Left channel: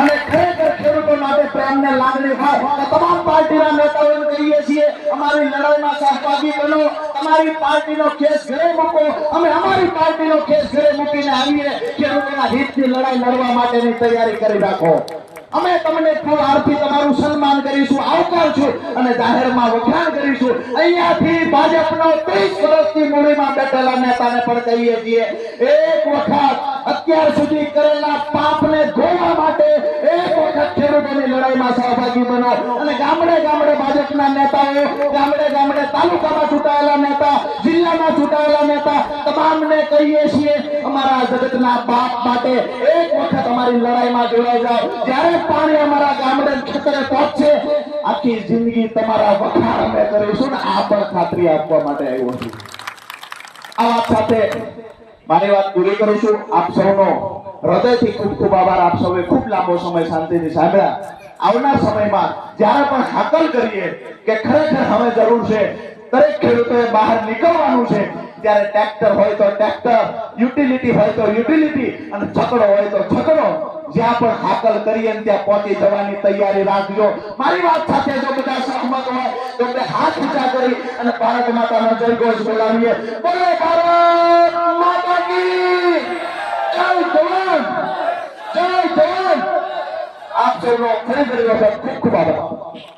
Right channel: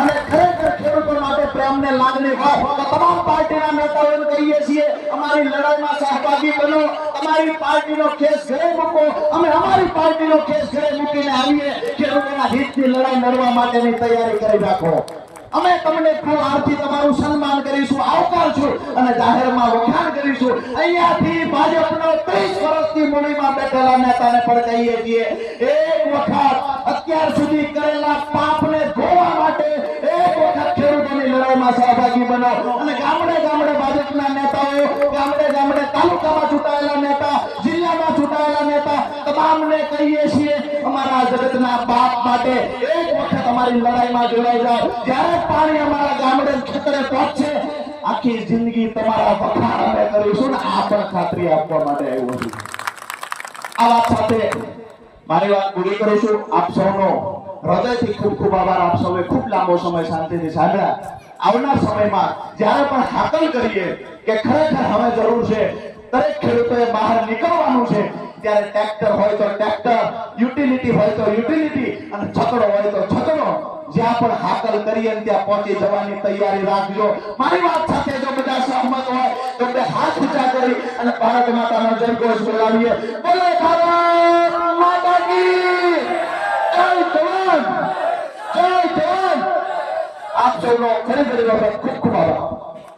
અને ખરેખર ખેડૂતો માટે પ્રેમને લાગણી હોય તો તમામ પાર્ટીના નેતાઓને કહીએ છીએ અમારી લડાઈમાં સહભાગી બનો, તમારી પાર્ટીનો કેસ ઘરે મૂકો, અમે અમારી પાર્ટીનો કેસ ઘરે મૂકીને આવીએ ખેડૂતોના હિતની લડાઈ લડવા માટેની તૈયારી કરી રાખો। અમે તમને ફૂલ હારથી તમારું સન્માન કરીશું, આવકારશું અને જાહેરમાં વખાણ કરીશું। અહીંયાથી ભાજપનો 30 વર્ષથી મૂડીમાં બેઠેલા નેતાને પણ કહીએ છીએ એક વખત અત્યાર સુધી કરેલા પાપને ધોવા માટે એક વખત ખેડૂતોની લડાઈમાં સહભાગી બનો અને ગામડે ગામડે ભાજપના નેતાઓ, ગામડે ગામડે તાલુકામાં ચૂંટાયેલા નેતા, જિલ્લામાં ચૂંટાયેલા નેતા તમામને કહીએ છીએ અમારા જગતના બાપ માટે એક વખત અમારી લડાઈમાં જોડાઈ જાઓ। જ્યારે પાણી અમારા ગામડે ખેતરે પહોંચશે આખી જિંદગી તમારા વખાણ અમે કરીશું ને આ પણ ખાતરી આપવા માટે આવ્યો છું। આ વાત સાથે મારી વાત પૂરી કરીશું। આપ સૌનો હૃદયથી ખૂબ ખૂબ આભાર। આપ સૌએ ખૂબ લાંબો સમય શાંતિથી સાંભળ્યા। આવનાર સમયમાં જ્યારે પણ હાકલ કરીએ કે ખરેખર હવે જરૂર છે, દરેક ખેડૂતોએ બહાર નીકળવાનું છે, ત્યારે ટ્રેક્ટર હોય તો ટ્રેક્ટર, યુટિલિટી હોય તો યુટિલિટી અને છકડો હોય તો છકડો, જ્યાં પણ હાકલ કરીએ ત્યાં પહોંચી જવાની તૈયારી રાખજો। મારી વાત સાથે જો બધા સહમત હોય તો બે હાથ ઊંચા કરી અને ભારત માતાનો જય ઘોષ બોલાવીએ। બોલો ભારત માતા કી જય! જવાન જય જવાન! આપ સૌનો ફરી વખત ખૂબ ખૂબ આભાર।